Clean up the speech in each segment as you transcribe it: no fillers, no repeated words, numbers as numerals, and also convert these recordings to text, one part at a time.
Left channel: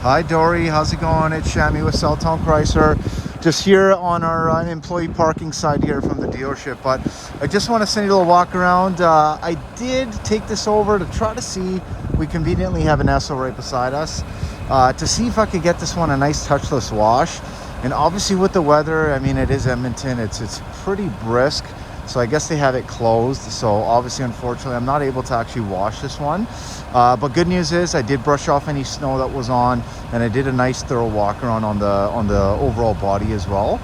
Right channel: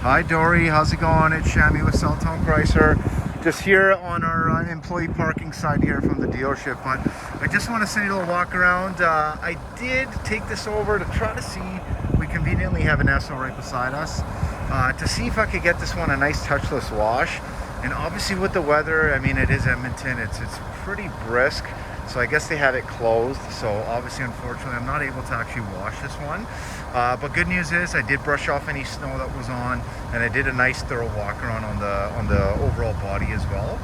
Hi Dori, how's it going? It's Shammi with Southtown Chrysler. Just here on our employee parking side here from the dealership, but I just want to send you a little walk around. I did take this over to try to see, we conveniently have an Esso right beside us, to see if I could get this one a nice touchless wash. And obviously with the weather, I mean, it is Edmonton, it's pretty brisk. So I guess they have it closed. So obviously, unfortunately, I'm not able to actually wash this one. But good news is I did brush off any snow that was on, and I did a nice thorough walk around on the overall body as well.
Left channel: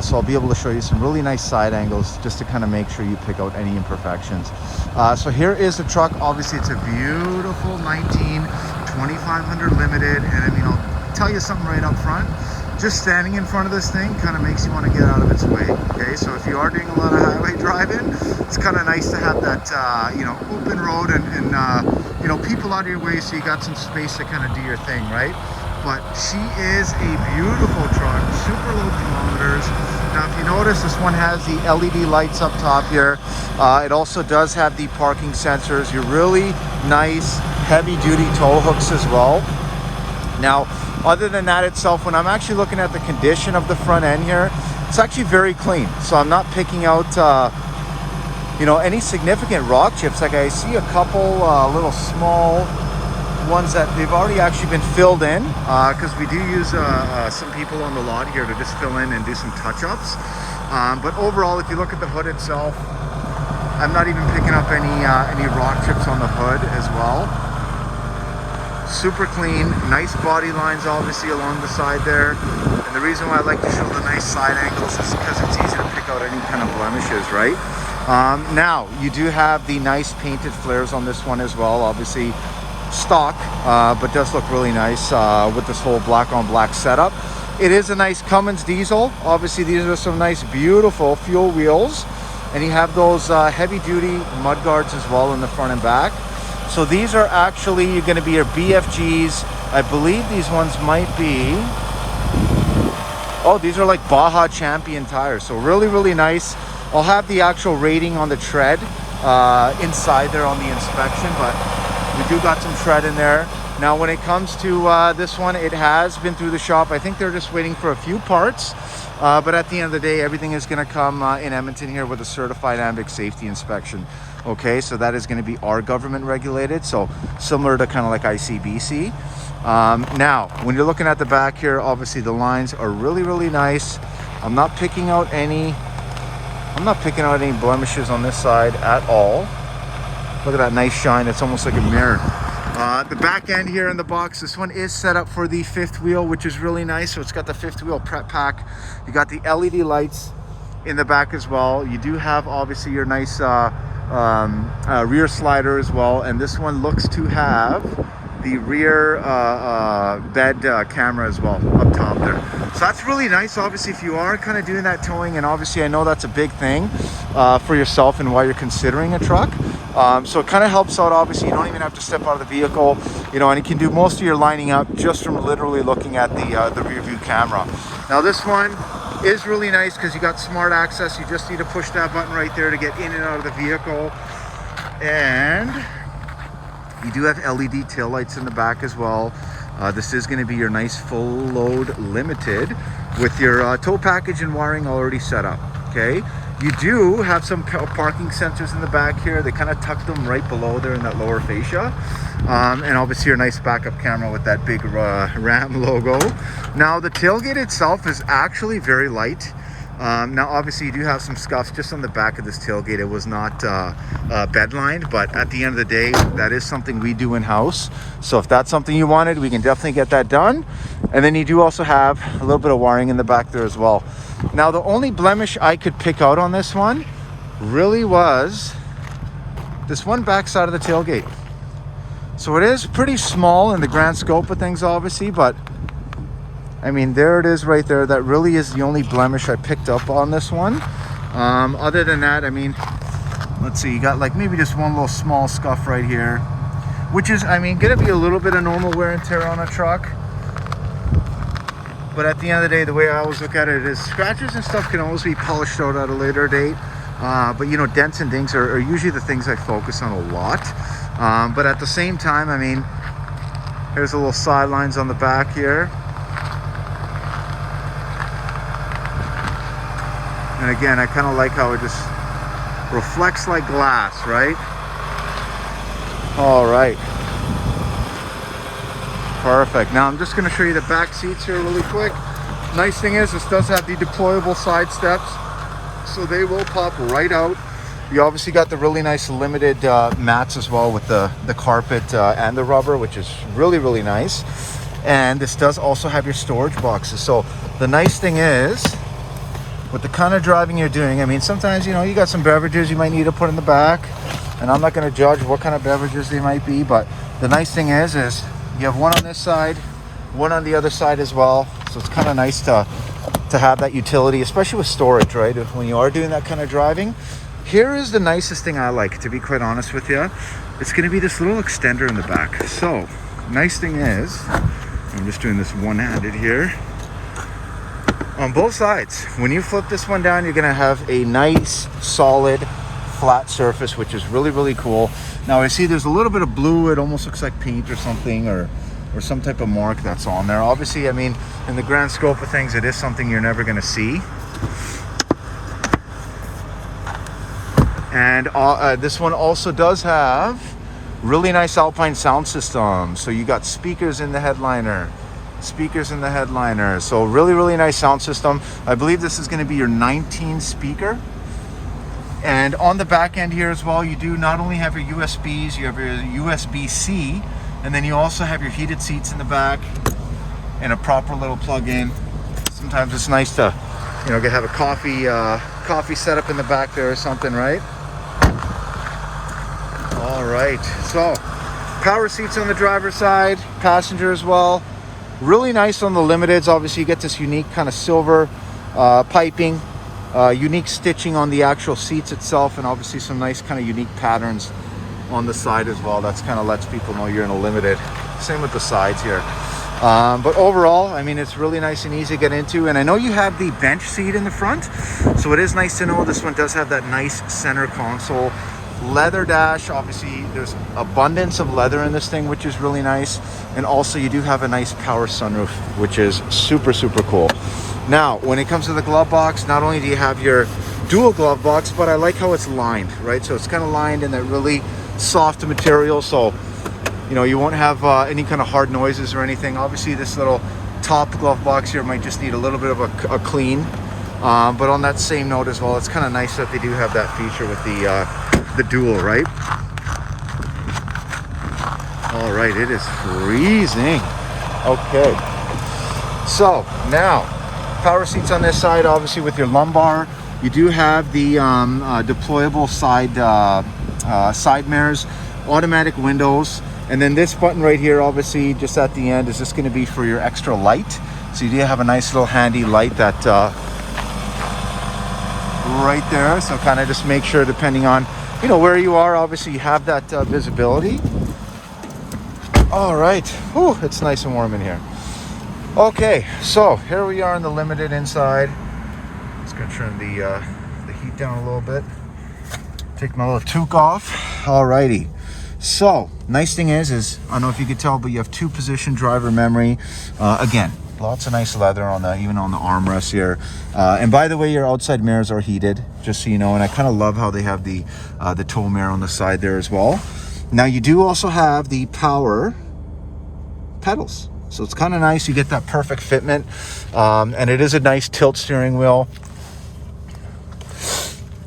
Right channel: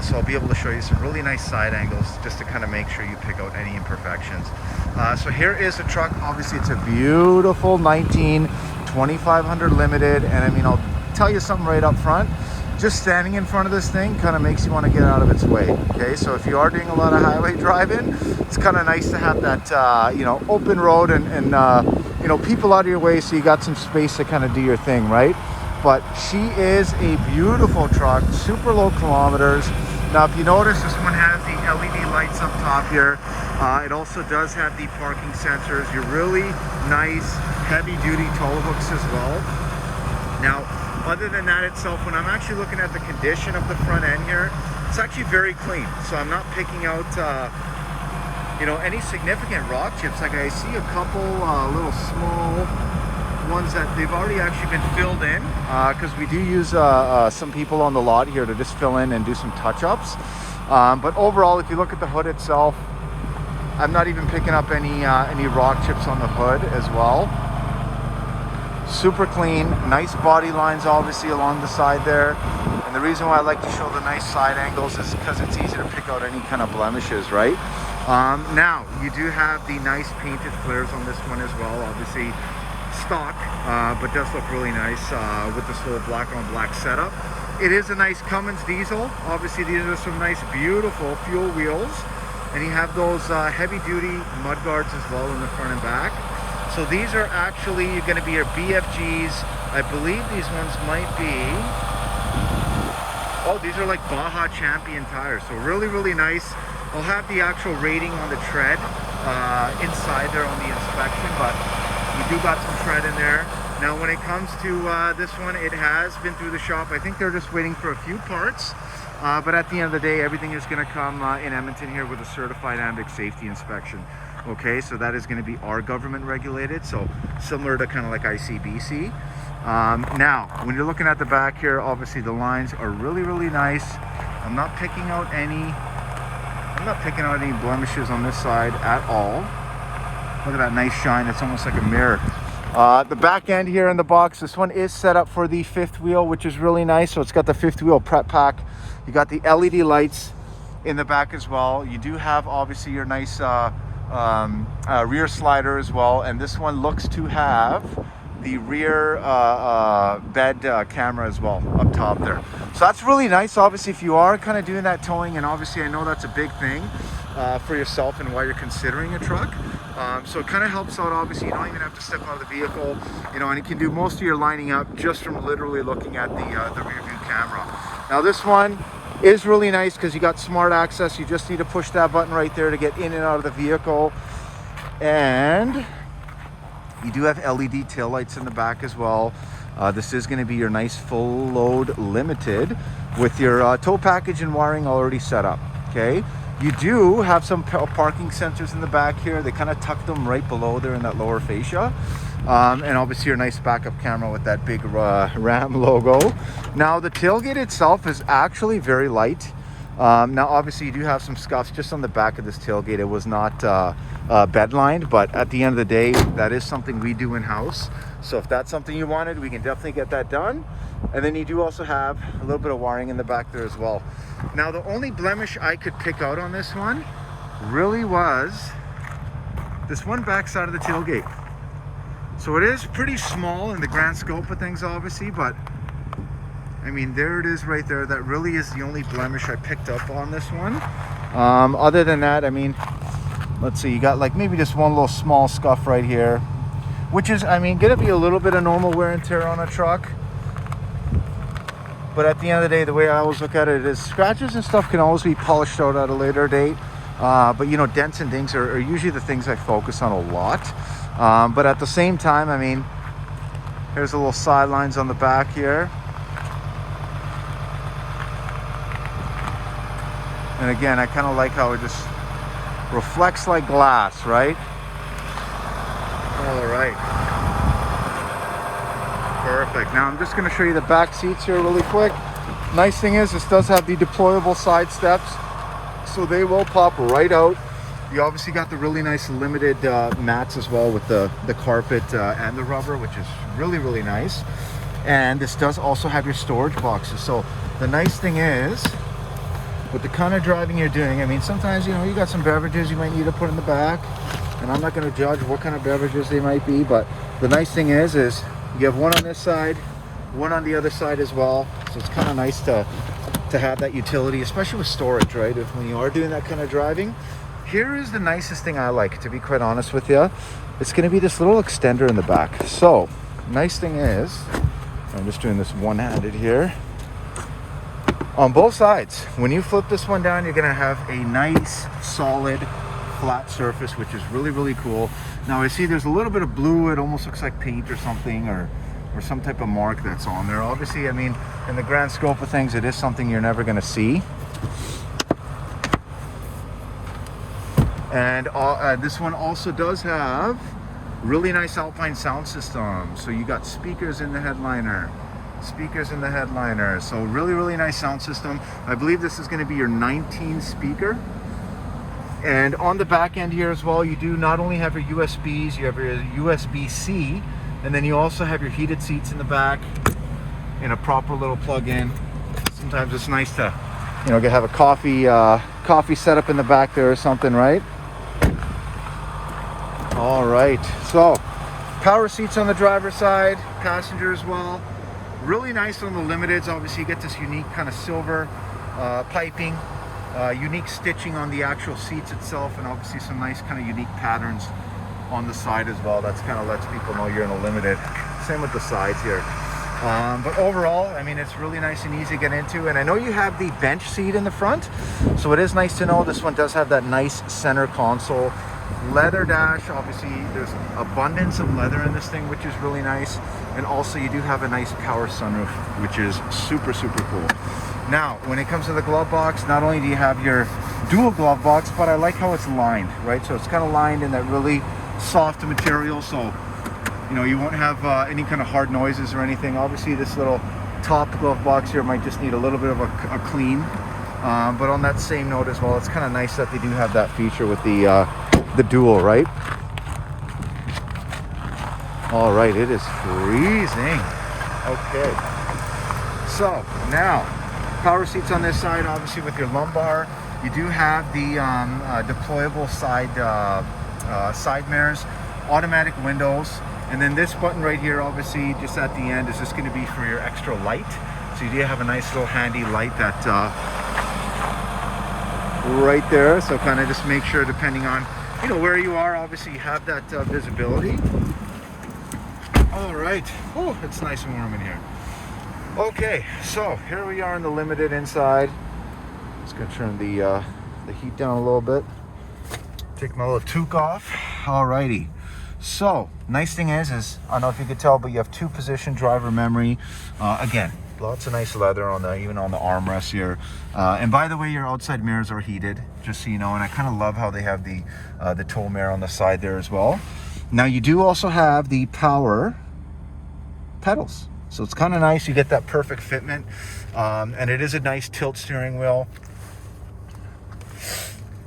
So I'll be able to show you some really nice side angles just to kind of make sure you pick out any imperfections. So here is the truck. Obviously, it's a beautiful 2500 Limited, and I mean, I'll tell you something right up front. Just standing in front of this thing kind of makes you want to get out of its way. Okay, so if you are doing a lot of highway driving, it's kind of nice to have that you know, open road and you know, people out of your way, so you got some space to kind of do your thing, right? But she is a beautiful truck, super low kilometers. Now if you notice, this one has the LED lights up top here. It also does have the parking sensors, your really nice heavy duty tow hooks as well. Now other than that itself, when I'm actually looking at the condition of the front end here, it's actually very clean. So I'm not picking out, you know, any significant rock chips. Like I see a couple little small ones that they've already actually been filled in, because we do use some people on the lot here to just fill in and do some touch-ups. But overall, if you look at the hood itself, I'm not even picking up any rock chips on the hood as well. Super clean, nice body lines obviously along the side there. And the reason why I like to show the nice side angles is because it's easy to pick out any kind of blemishes, right? Now, you do have the nice painted flares on this one as well, obviously stock, but does look really nice with this whole black on black setup. It is a nice Cummins diesel. Obviously these are some nice beautiful fuel wheels, and you have those heavy duty mud guards as well in the front and back. So these are actually going to be your BFGs. I believe these ones might be, oh, these are like Baja Champion tires. So really, really nice. I'll have the actual rating on the tread inside there on the inspection, but we do got some tread in there. Now when it comes to this one, it has been through the shop. I think they're just waiting for a few parts. But at the end of the day, everything is going to come in Edmonton here with a certified AMBIC safety inspection. Okay, so that is going to be our government regulated, so similar to kind of like ICBC. Now, when you're looking at the back here, obviously the lines are really, really nice. I'm not picking out any blemishes on this side at all. Look at that nice shine. It's almost like a mirror. The back end here in the box, this one is set up for the fifth wheel, which is really nice. So it's got the fifth wheel prep pack. You got the LED lights in the back as well. You do have obviously your nice rear slider as well. And this one looks to have the rear bed camera as well up top there. So that's really nice. Obviously, if you are kind of doing that towing, and obviously I know that's a big thing for yourself and why you're considering a truck. So it kind of helps out. Obviously, you don't even have to step out of the vehicle, you know, and you can do most of your lining up just from literally looking at the rear view camera. Now this one is really nice because you got smart access. You just need to push that button right there to get in and out of the vehicle. And you do have LED taillights in the back as well. This is going to be your nice full load Limited with your tow package and wiring already set up. Okay. You do have some parking sensors in the back here. They kind of tuck them right below there in that lower fascia. And obviously your nice backup camera with that big Ram logo. Now the tailgate itself is actually very light. Now obviously you do have some scuffs just on the back of this tailgate. It was not bed lined, but at the end of the day, that is something we do in-house. So if that's something you wanted, we can definitely get that done. And then you do also have a little bit of wiring in the back there as well. Now the only blemish I could pick out on this one really was this one back side of the tailgate. So it is pretty small in the grand scope of things obviously, but I mean, there it is right there. That really is the only blemish I picked up on this one. Other than that, I mean, let's see, you got like maybe just one little small scuff right here, which is, I mean, gonna be a little bit of normal wear and tear on a truck. But at the end of the day, the way I always look at it is scratches and stuff can always be polished out at a later date. But you know, dents and dings are usually the things I focus on a lot. But at the same time, I mean, Here's a little sidelines on the back here. And again, I kind of like how it just reflects like glass, right? All right. Perfect. Now I'm just going to show you the back seats here really quick. Nice thing is this does have the deployable side steps, so they will pop right out. You obviously got the really nice limited mats as well with the carpet and the rubber, which is really, really nice. And this does also have your storage boxes. So the nice thing is, with the kind of driving you're doing, I mean, sometimes, you know, you got some beverages you might need to put in the back, and I'm not going to judge what kind of beverages they might be, but the nice thing is you have one on this side, one on the other side as well. So it's kind of nice to have that utility, especially with storage, right? When you are doing that kind of driving. Here is the nicest thing I like, to be quite honest with you. It's going to be this little extender in the back. So nice thing is, I'm just doing this one-handed here. On both sides, when you flip this one down, you're going to have a nice, solid, flat surface, which is really, really cool. Now I see there's a little bit of blue. It almost looks like paint or something, or some type of mark that's on there. Obviously, I mean, in the grand scope of things, it is something you're never going to see. And this one also does have really nice Alpine sound system. So you got speakers in the headliner. So really, really nice sound system. I believe this is going to be your 19 speaker. And on the back end here as well, you do not only have your USBs, you have your USB-C, and then you also have your heated seats in the back and a proper little plug-in. Sometimes it's nice to, you know, have a coffee set up in the back there or something, right? All right, so power seats on the driver's side, passenger as well. Really nice on the limiteds. Obviously you get this unique kind of silver piping, unique stitching on the actual seats itself, and obviously some nice kind of unique patterns on the side as well. That's kind of lets people know you're in a limited. Same with the sides here. But overall, I mean, it's really nice and easy to get into. And I know you have the bench seat in the front, so it is nice to know this one does have that nice center console. Leather dash, obviously there's abundance of leather in this thing, which is really nice. And also you do have a nice power sunroof, which is super, super cool. Now, when it comes to the glove box, not only do you have your dual glove box, but I like how it's lined, right? So it's kind of lined in that really soft material, so you know you won't have any kind of hard noises or anything. Obviously this little top glove box here might just need a little bit of a clean, but on that same note as well, it's kind of nice that they do have that feature with the dual, right? All right, it is freezing. Okay, so now power seats on this side, obviously with your lumbar. You do have the deployable side mirrors, automatic windows, and then this button right here, obviously just at the end, is just going to be for your extra light. So you do have a nice little handy light that right there. So kind of just make sure, depending on, you know, where you are, obviously you have that visibility. All right, whew, it's nice and warm in here. Okay, so here we are in the limited inside. Just gonna turn the heat down a little bit. Take my little toque off. Alrighty. So nice thing is I don't know if you could tell, but you have 2-position driver memory. Again, lots of nice leather on the even on the armrest here. And by the way, your outside mirrors are heated, just so you know. And I kind of love how they have the tow mirror on the side there as well. Now you do also have the power pedals. So it's kind of nice. You get that perfect fitment. And it is a nice tilt steering wheel.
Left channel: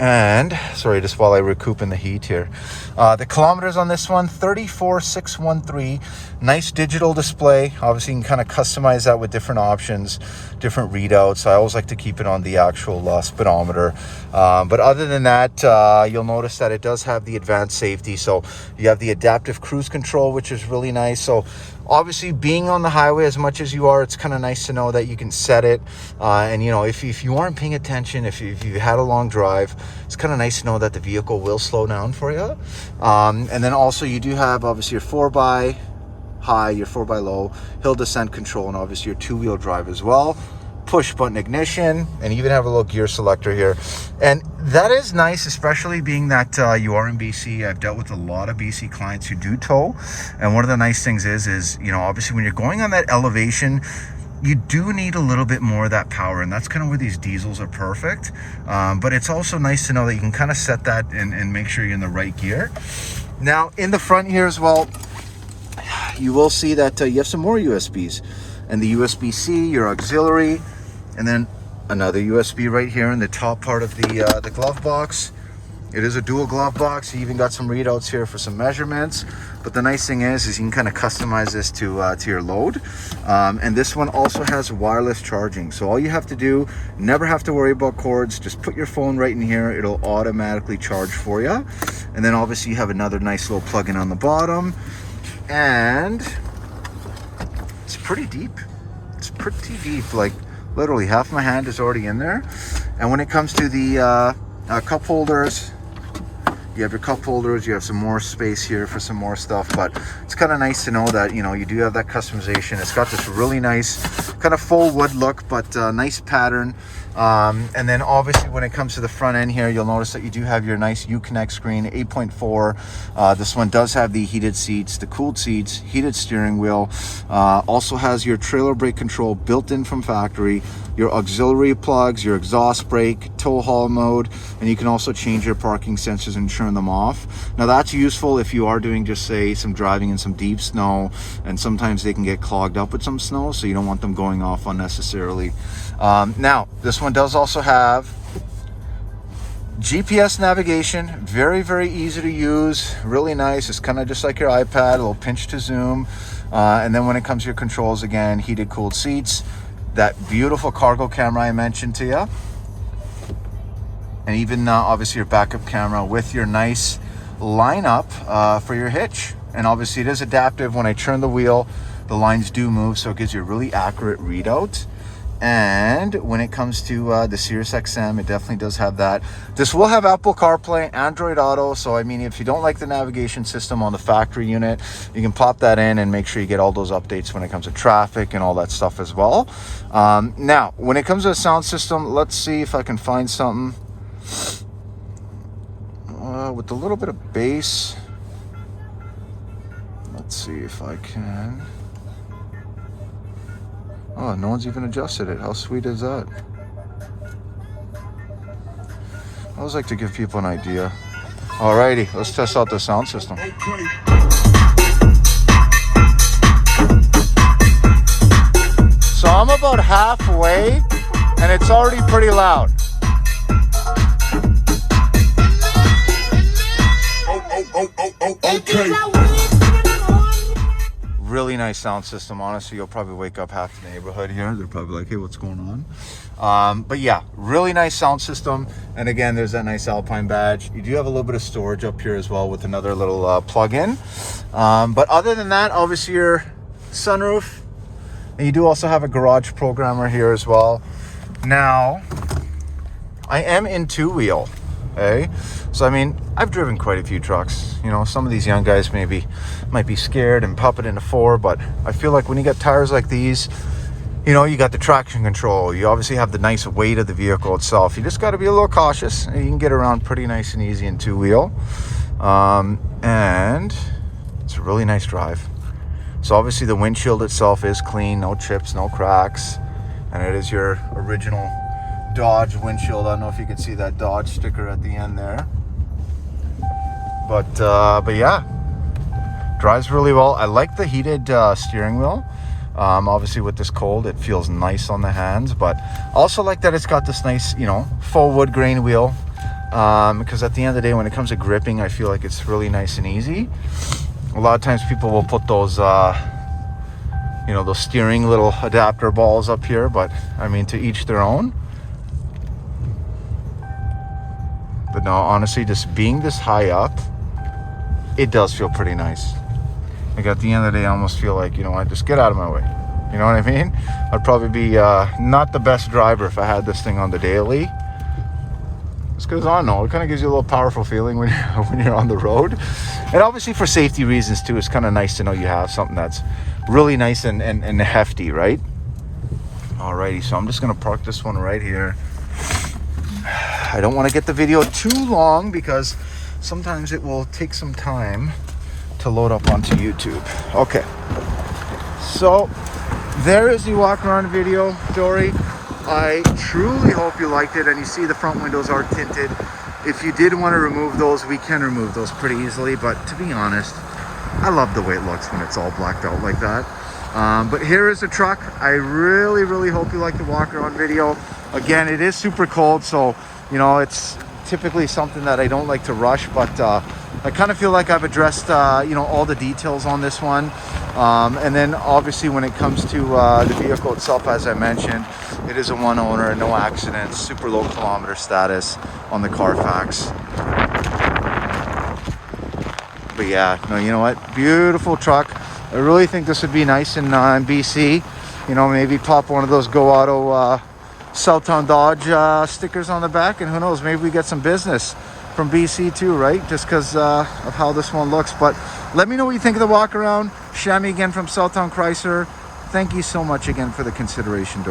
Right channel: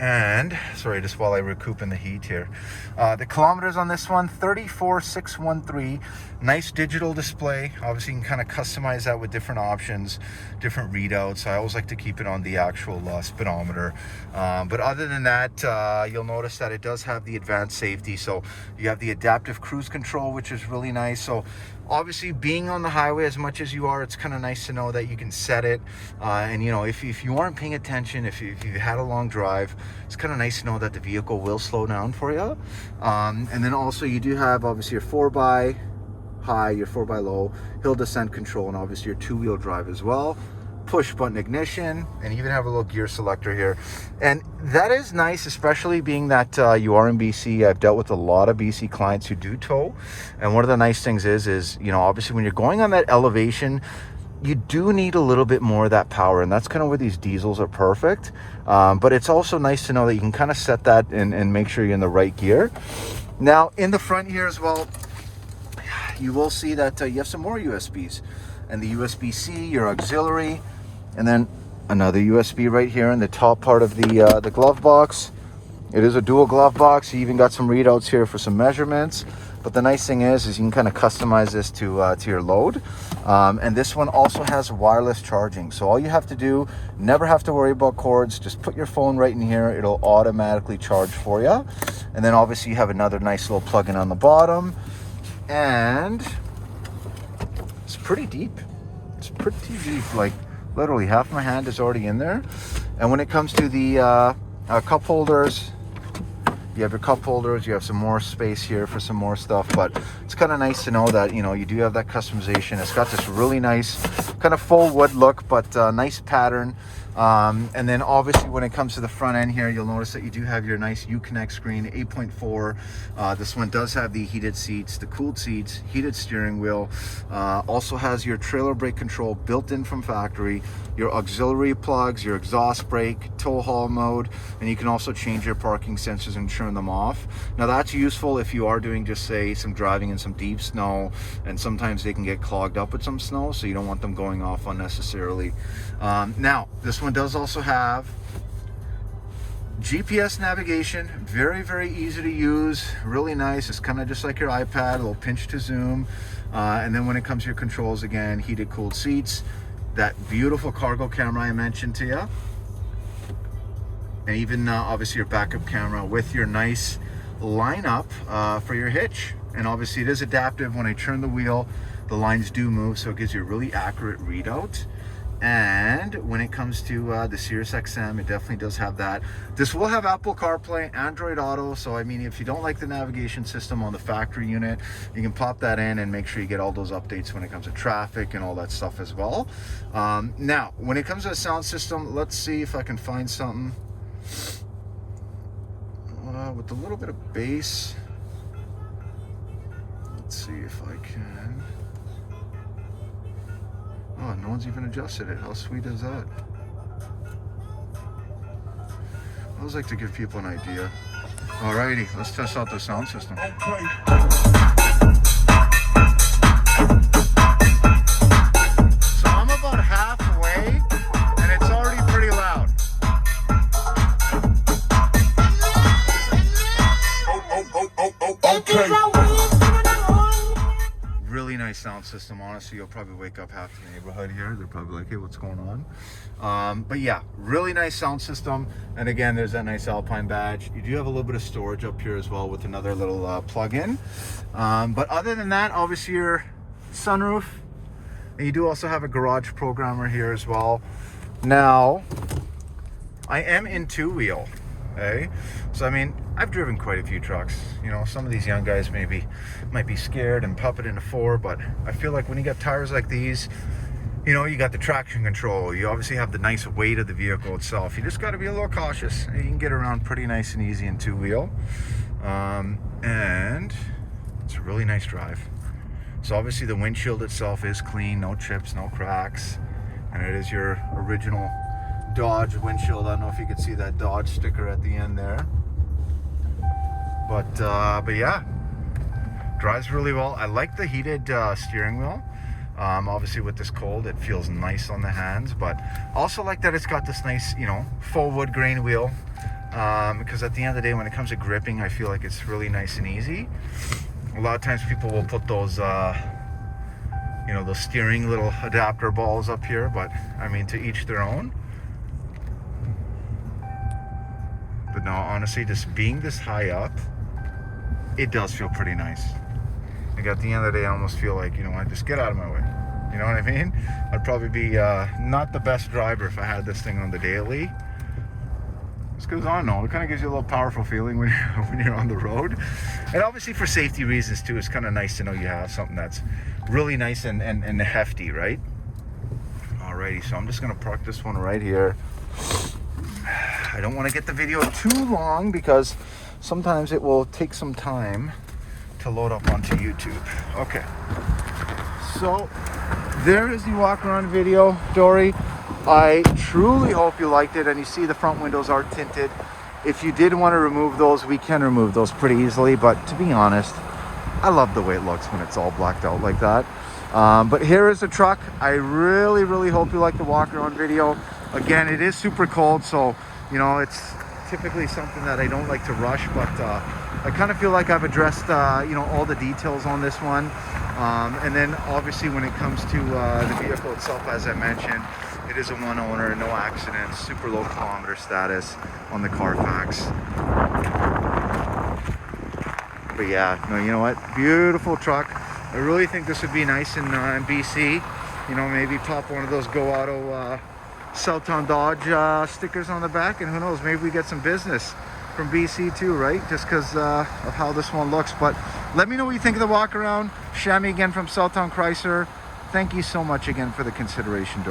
And sorry, just while I recoup in the heat here, the kilometers on this one, 34,613. Nice digital display. Obviously you can kind of customize that with different options, different readouts. I always like to keep it on the actual speedometer, but other than that, you'll notice that it does have the advanced safety. So you have the adaptive cruise control, which is really nice. So obviously being on the highway as much as you are, it's kind of nice to know that you can set it, and you know, if you aren't paying attention, if you've had a long drive, it's kind of nice to know that the vehicle will slow down for you. And then also you do have obviously your 4x high, your 4x low, hill descent control, and obviously your 2-wheel drive as well. push button ignition, and even have a little gear selector here. And that is nice, especially being that you are in BC. I've dealt with a lot of BC clients who do tow, and one of the nice things is, you know, obviously when you're going on that elevation, you do need a little bit more of that power, and that's kind of where these diesels are perfect. But it's also nice to know that you can kind of set that and make sure you're in the right gear. Now in the front here as well, you will see that you have some more USBs, and the USB-C, your auxiliary, and then another USB right here in the top part of the glove box. It is a dual glove box. You even got some readouts here for some measurements. But the nice thing is you can kind of customize this to your load. And this one also has wireless charging. So all you have to do, never have to worry about cords. Just put your phone right in here. It'll automatically charge for you. And then obviously you have another nice little plug-in on the bottom. And it's pretty deep. It's pretty deep. Like literally half my hand is already in there. And when it comes to the cup holders, you have your cup holders, you have some more space here for some more stuff, but it's kind of nice to know that, you know, you do have that customization. It's got this really nice kind of full wood look, but nice pattern. And then obviously when it comes to the front end here, you'll notice that you do have your nice Uconnect screen, 8.4. This one does have the heated seats, the cooled seats, heated steering wheel. Also has your trailer brake control built in from factory, your auxiliary plugs, your exhaust brake, tow haul mode, and you can also change your parking sensors and turn them off. Now that's useful if you are doing just say some driving in some deep snow, and sometimes they can get clogged up with some snow, so you don't want them going off unnecessarily. Now this one does also have GPS navigation, very, very easy to use, really nice. It's kind of just like your iPad, a little pinch to zoom. And then when it comes to your controls, again, heated, cooled seats, that beautiful cargo camera I mentioned to you, and even obviously your backup camera with your nice lineup for your hitch. And obviously it is adaptive. When I turn the wheel, the lines do move, so it gives you a really accurate readout. And when it comes to the Sirius XM, it definitely does have that. This will have Apple CarPlay, Android Auto. So I mean, if you don't like the navigation system on the factory unit, you can pop that in and make sure you get all those updates when it comes to traffic and all that stuff as well. Now, when it comes to the sound system, let's see if I can find something with a little bit of bass. Let's see if I can. Oh, no one's even adjusted it. How sweet is that? I always like to give people an idea. Alrighty, let's test out the sound system. Okay. So I'm about halfway, and it's already pretty loud. Okay. Really nice sound system. Honestly, you'll probably wake up half the neighborhood here. They're probably like, hey, what's going on? But yeah, really nice sound system. And again, there's that nice Alpine badge. You do have a little bit of storage up here as well with another little plug-in. But other than that, obviously your sunroof, and you do also have a garage programmer here as well. Now, I am in two-wheel. Okay? So I mean, I've driven quite a few trucks. You know, some of these young guys might be scared and pop it into four, but I feel like when you got tires like these, you know, you got the traction control, you obviously have the nice weight of the vehicle itself. You just got to be a little cautious, and you can get around pretty nice and easy in two-wheel. And it's a really nice drive. So obviously the windshield itself is clean, no chips, no cracks, and it is your original Dodge windshield. I don't know if you can see that Dodge sticker at the end there, but yeah, drives really well. I like the heated steering wheel. Obviously with this cold, it feels nice on the hands, but also like that it's got this nice, you know, full wood grain wheel, because at the end of the day, when it comes to gripping, I feel like it's really nice and easy. A lot of times people will put those you know, those steering little adapter balls up here, but I mean, to each their own. But no, honestly, just being this high up, it does feel pretty nice. Like at the end of the day, I almost feel like, you know what, just get out of my way. You know what I mean? I'd probably be not the best driver if I had this thing on the daily. Just because, I don't know, it kind of gives you a little powerful feeling when you're on the road. And obviously for safety reasons too, it's kind of nice to know you have something that's really nice and hefty, right? Alrighty, so I'm just gonna park this one right here. I don't want to get the video too long because sometimes it will take some time to load up onto YouTube. Okay, so there is the walk around video, Dori. I truly hope you liked it, and you see the front windows are tinted. If you did want to remove those, we can remove those pretty easily, but to be honest, I love the way it looks when it's all blacked out like that. But here is the truck. I really hope you like the walk around video. Again, it is super cold, so you know, it's typically something that I don't like to rush, but I kind of feel like I've addressed you know, all the details on this one. And then obviously when it comes to the vehicle itself, as I mentioned, it is a one owner, no accidents, super low kilometer status on the Carfax. But yeah, no, you know what, beautiful truck. I really think this would be nice in BC. You know, maybe pop one of those Go Auto Southtown Dodge stickers on the back, and who knows, maybe we get some business from BC too, right? Just because of how this one looks. But let me know what you think of the walk around. Shammi again from Southtown Chrysler. Thank you so much again for the consideration.